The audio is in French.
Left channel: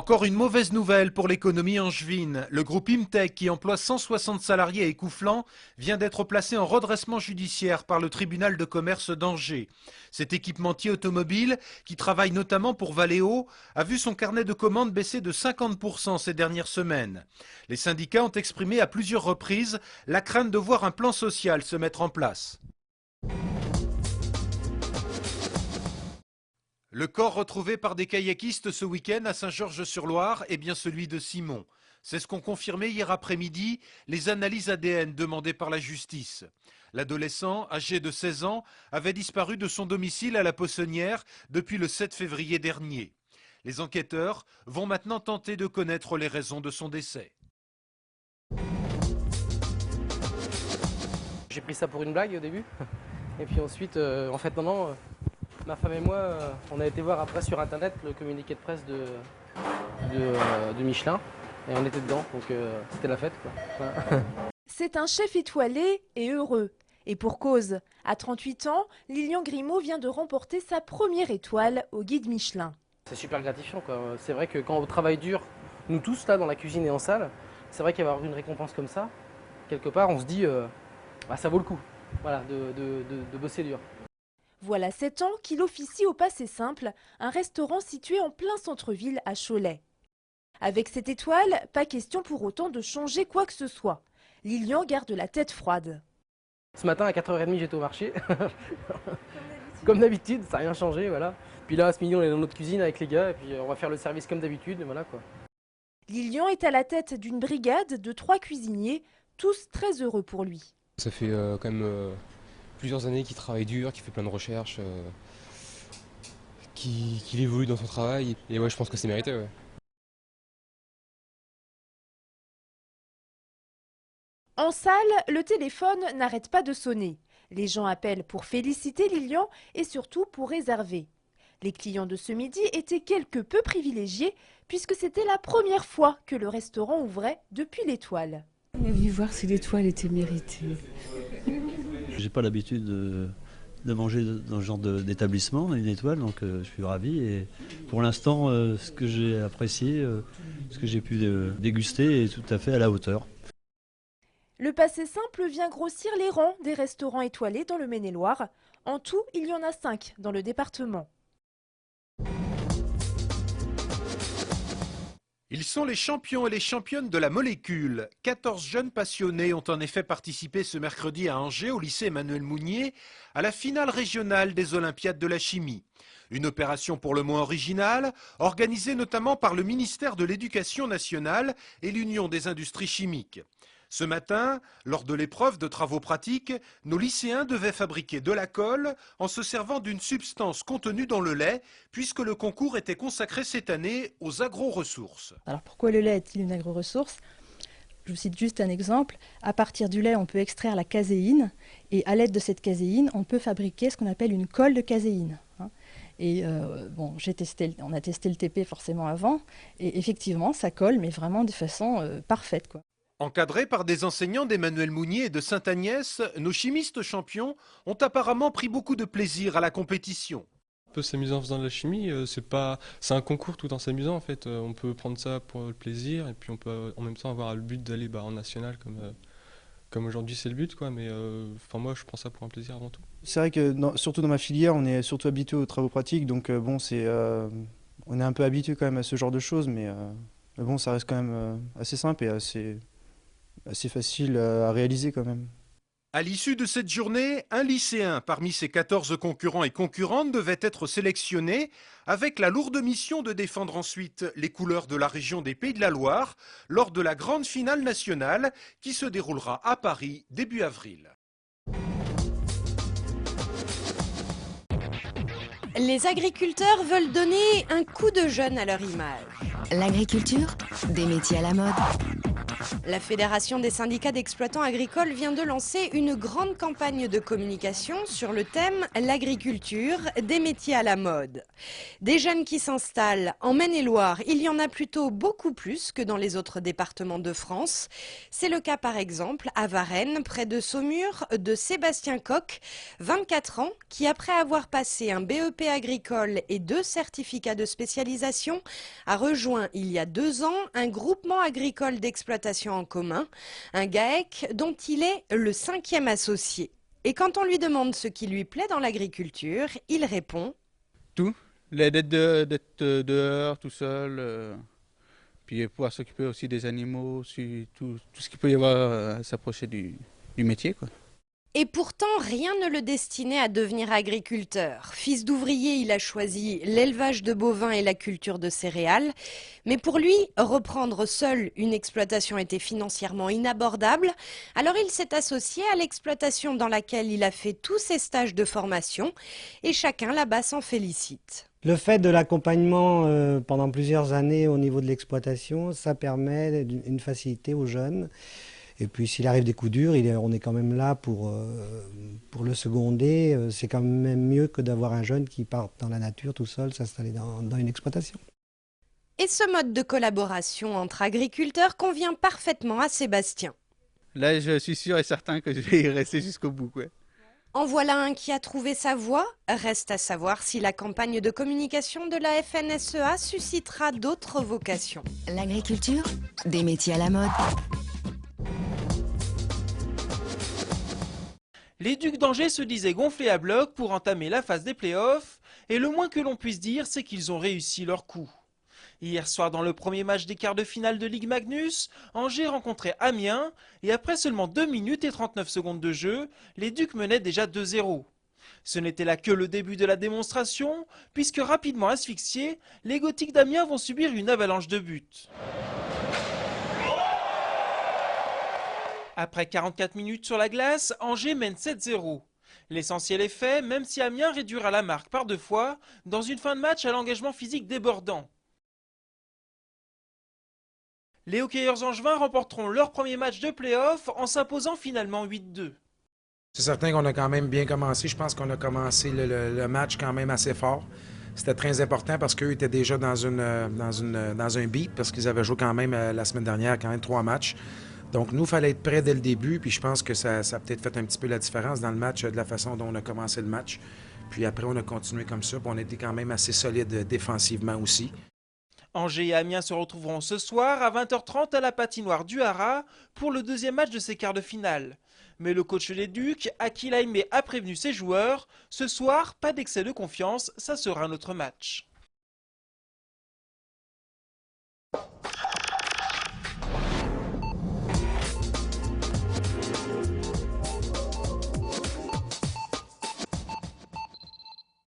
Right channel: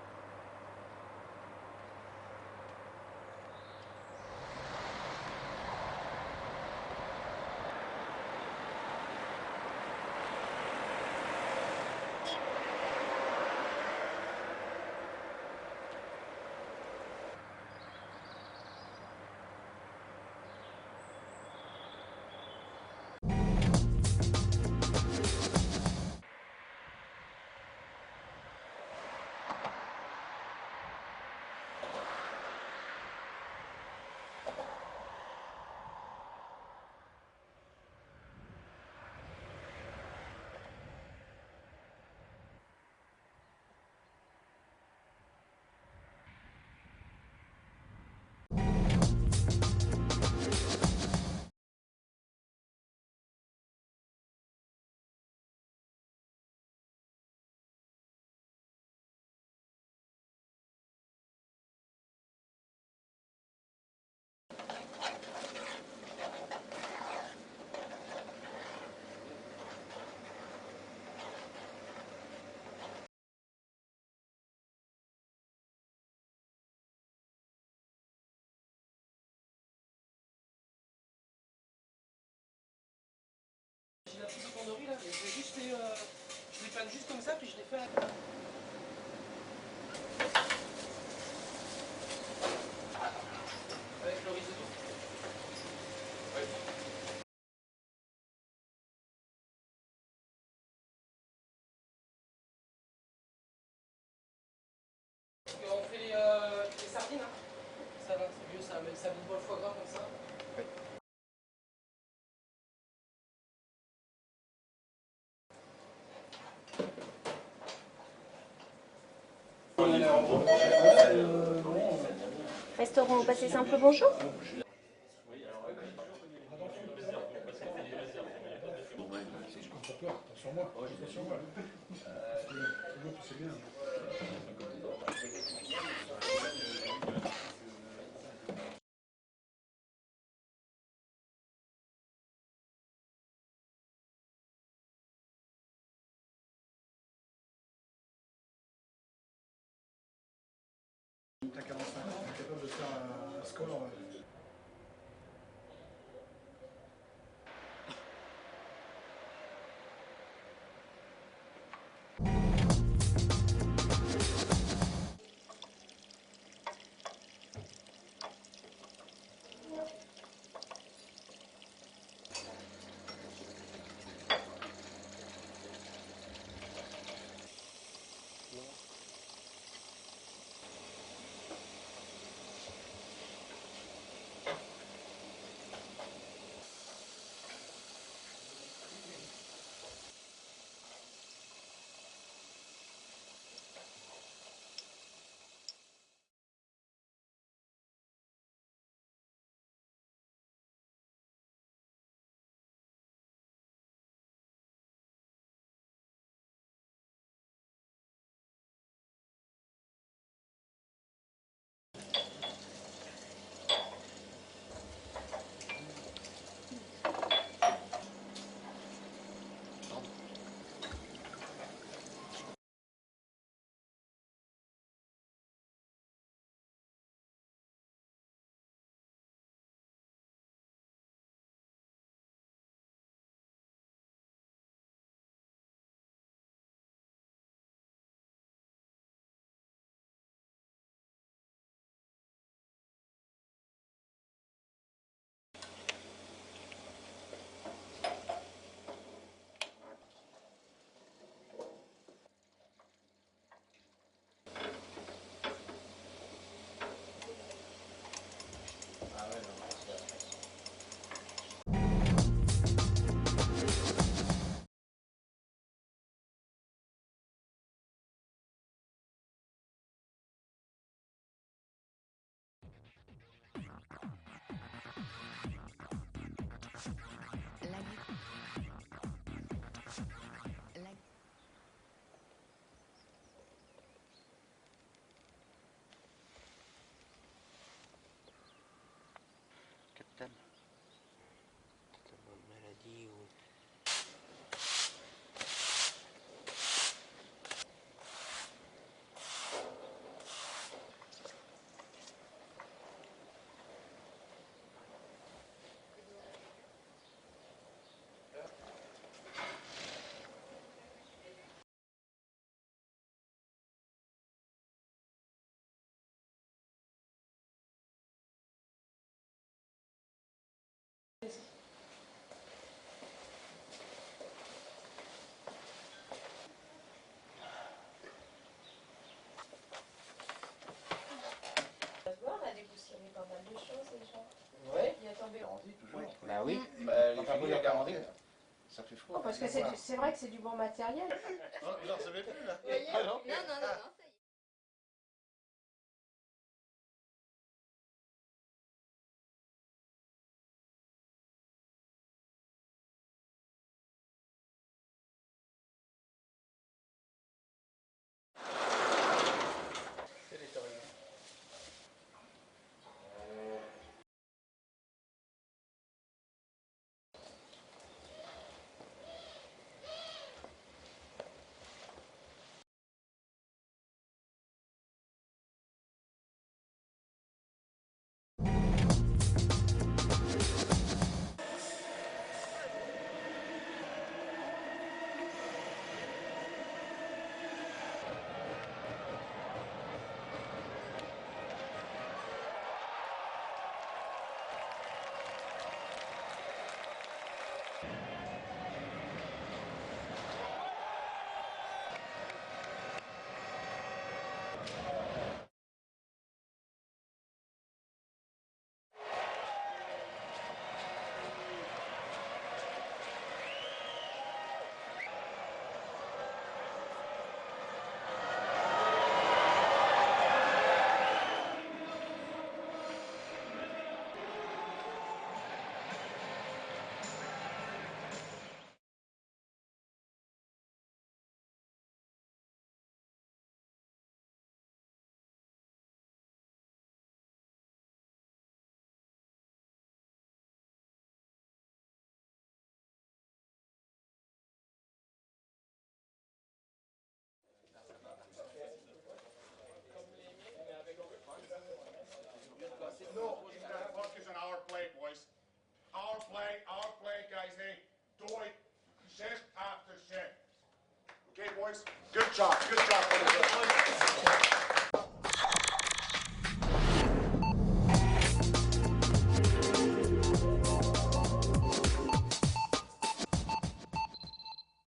Encore une mauvaise nouvelle pour l'économie angevine. Le groupe Imtech, qui emploie 160 salariés à Écouflant, vient d'être placé en redressement judiciaire par le tribunal de commerce d'Angers. Cet équipementier automobile, qui travaille notamment pour Valeo, a vu son carnet de commandes baisser de 50% ces dernières semaines. Les syndicats ont exprimé à plusieurs reprises la crainte de voir un plan social se mettre en place. Le corps retrouvé par des kayakistes ce week-end à Saint-Georges-sur-Loire est bien celui de Simon. C'est ce qu'ont confirmé hier après-midi les analyses ADN demandées par la justice. L'adolescent, âgé de 16 ans, avait disparu de son domicile à la Poissonnière depuis le 7 février dernier. Les enquêteurs vont maintenant tenter de connaître les raisons de son décès. J'ai pris ça pour une blague au début. Et puis ensuite, en fait, non. Ma femme et moi, on a été voir après sur internet le communiqué de presse de Michelin et on était dedans, donc c'était la fête, quoi. C'est un chef étoilé et heureux. Et pour cause, à 38 ans, Lilian Grimaud vient de remporter sa première étoile au guide Michelin. C'est super gratifiant, quoi. C'est vrai que quand on travaille dur, nous tous là dans la cuisine et en salle, c'est vrai qu'avoir une récompense comme ça, quelque part on se dit ça vaut le coup, voilà, de bosser dur. Voilà 7 ans qu'il officie au Passé Simple, un restaurant situé en plein centre-ville à Cholet. Avec cette étoile, pas question pour autant de changer quoi que ce soit. Lilian garde la tête froide. Ce matin à 4h30 j'étais au marché, comme d'habitude, ça n'a rien changé, voilà. Puis là, ce midi on est dans notre cuisine avec les gars et puis on va faire le service comme d'habitude, voilà quoi. Lilian est à la tête d'une brigade de 3 cuisiniers, tous très heureux pour lui. Ça fait quand même plusieurs années qu'il travaille dur, qu'il fait plein de recherches, qu'il évolue dans son travail. Et ouais, je pense que c'est mérité. Ouais. Restaurant au Passé Simple, bonjour. En salle, le téléphone n'arrête pas de sonner. Les gens appellent pour féliciter Lilian et surtout pour réserver. Les clients de ce midi étaient quelque peu privilégiés puisque c'était la première fois que le restaurant ouvrait depuis l'étoile. On est venu voir si l'étoile était méritée. J'ai pas l'habitude de manger dans ce genre d'établissement, une étoile, donc je suis ravi. Et pour l'instant, ce que j'ai apprécié, ce que j'ai pu déguster est tout à fait à la hauteur. Le Passé Simple vient grossir les rangs des restaurants étoilés dans le Maine-et-Loire. En tout, il y en a 5 dans le département. Ils sont les champions et les championnes de la molécule. 14 jeunes passionnés ont en effet participé ce mercredi à Angers, au lycée Emmanuel Mounier, à la finale régionale des Olympiades de la chimie. Une opération pour le moins originale, organisée notamment par le ministère de l'Éducation nationale et l'Union des industries chimiques. Ce matin, lors de l'épreuve de travaux pratiques, nos lycéens devaient fabriquer de la colle en se servant d'une substance contenue dans le lait, puisque le concours était consacré cette année aux agro-ressources. Alors pourquoi le lait est-il une agro-ressource ? Je vous cite juste un exemple. À partir du lait, on peut extraire la caséine et à l'aide de cette caséine, on peut fabriquer ce qu'on appelle une colle de caséine. Et on a testé le TP forcément avant et effectivement ça colle mais vraiment de façon parfaite, quoi. Encadrés par des enseignants d'Emmanuel Mounier et de Sainte-Agnès, nos chimistes champions ont apparemment pris beaucoup de plaisir à la compétition. On peut s'amuser en faisant de la chimie, c'est un concours tout en s'amusant en fait. On peut prendre ça pour le plaisir et puis on peut en même temps avoir le but d'aller en national comme aujourd'hui c'est le but, quoi. Mais moi je prends ça pour un plaisir avant tout. C'est vrai que surtout dans ma filière on est surtout habitué aux travaux pratiques, donc on est un peu habitué quand même à ce genre de choses, mais bon ça reste quand même assez simple et assez facile à réaliser quand même. À l'issue de cette journée, un lycéen parmi ses 14 concurrents et concurrentes devait être sélectionné avec la lourde mission de défendre ensuite les couleurs de la région des Pays de la Loire lors de la grande finale nationale qui se déroulera à Paris début avril. Les agriculteurs veulent donner un coup de jeune à leur image. L'agriculture, des métiers à la mode. La Fédération des syndicats d'exploitants agricoles vient de lancer une grande campagne de communication sur le thème « L'agriculture, des métiers à la mode ». Des jeunes qui s'installent en Maine-et-Loire, il y en a plutôt beaucoup plus que dans les autres départements de France. C'est le cas par exemple à Varennes, près de Saumur, de Sébastien Coq, 24 ans, qui après avoir passé un BEP agricole et 2 certificats de spécialisation, a rejoint il y a 2 ans un groupement agricole d'exploitation en commun, un GAEC dont il est le 5e associé. Et quand on lui demande ce qui lui plaît dans l'agriculture, il répond « Tout, d'être dehors tout seul, puis pouvoir s'occuper aussi des animaux, tout ce qu'il peut y avoir à s'approcher du métier, quoi. » Et pourtant, rien ne le destinait à devenir agriculteur. Fils d'ouvrier, il a choisi l'élevage de bovins et la culture de céréales. Mais pour lui, reprendre seul une exploitation était financièrement inabordable. Alors il s'est associé à l'exploitation dans laquelle il a fait tous ses stages de formation. Et chacun là-bas s'en félicite. Le fait de l'accompagnement pendant plusieurs années au niveau de l'exploitation, ça permet une facilité aux jeunes. Et puis s'il arrive des coups durs, on est quand même là pour le seconder. C'est quand même mieux que d'avoir un jeune qui part dans la nature tout seul, s'installer dans une exploitation. Et ce mode de collaboration entre agriculteurs convient parfaitement à Sébastien. Là, je suis sûr et certain que je vais y rester jusqu'au bout, quoi. En voilà un qui a trouvé sa voie. Reste à savoir si la campagne de communication de la FNSEA suscitera d'autres vocations. L'agriculture, des métiers à la mode. Les Ducs d'Angers se disaient gonflés à bloc pour entamer la phase des playoffs et le moins que l'on puisse dire, c'est qu'ils ont réussi leur coup. Hier soir, dans le premier match des quarts de finale de Ligue Magnus, Angers rencontrait Amiens et après seulement 2 minutes et 39 secondes de jeu, les Ducs menaient déjà 2-0. Ce n'était là que le début de la démonstration, puisque rapidement asphyxiés, les Gothiques d'Amiens vont subir une avalanche de buts. Après 44 minutes sur la glace, Angers mène 7-0. L'essentiel est fait, même si Amiens réduira la marque par 2 fois, dans une fin de match à l'engagement physique débordant. Les hockeyeurs angevins remporteront leur premier match de play-off en s'imposant finalement 8-2. C'est certain qu'on a quand même bien commencé. Je pense qu'on a commencé le match quand même assez fort. C'était très important parce qu'eux étaient déjà dans un beat, parce qu'ils avaient joué quand même la semaine dernière quand même 3 matchs. Donc, nous, il fallait être prêts dès le début, puis je pense que ça a peut-être fait un petit peu la différence dans le match, de la façon dont on a commencé le match. Puis après, on a continué comme ça, puis on était quand même assez solide défensivement aussi. Angers et Amiens se retrouveront ce soir à 20h30 à la patinoire du Haras pour le deuxième match de ces quarts de finale. Mais le coach des Ducs, Akil Aimé, a prévenu ses joueurs, ce soir, pas d'excès de confiance, ça sera notre match. Good job for the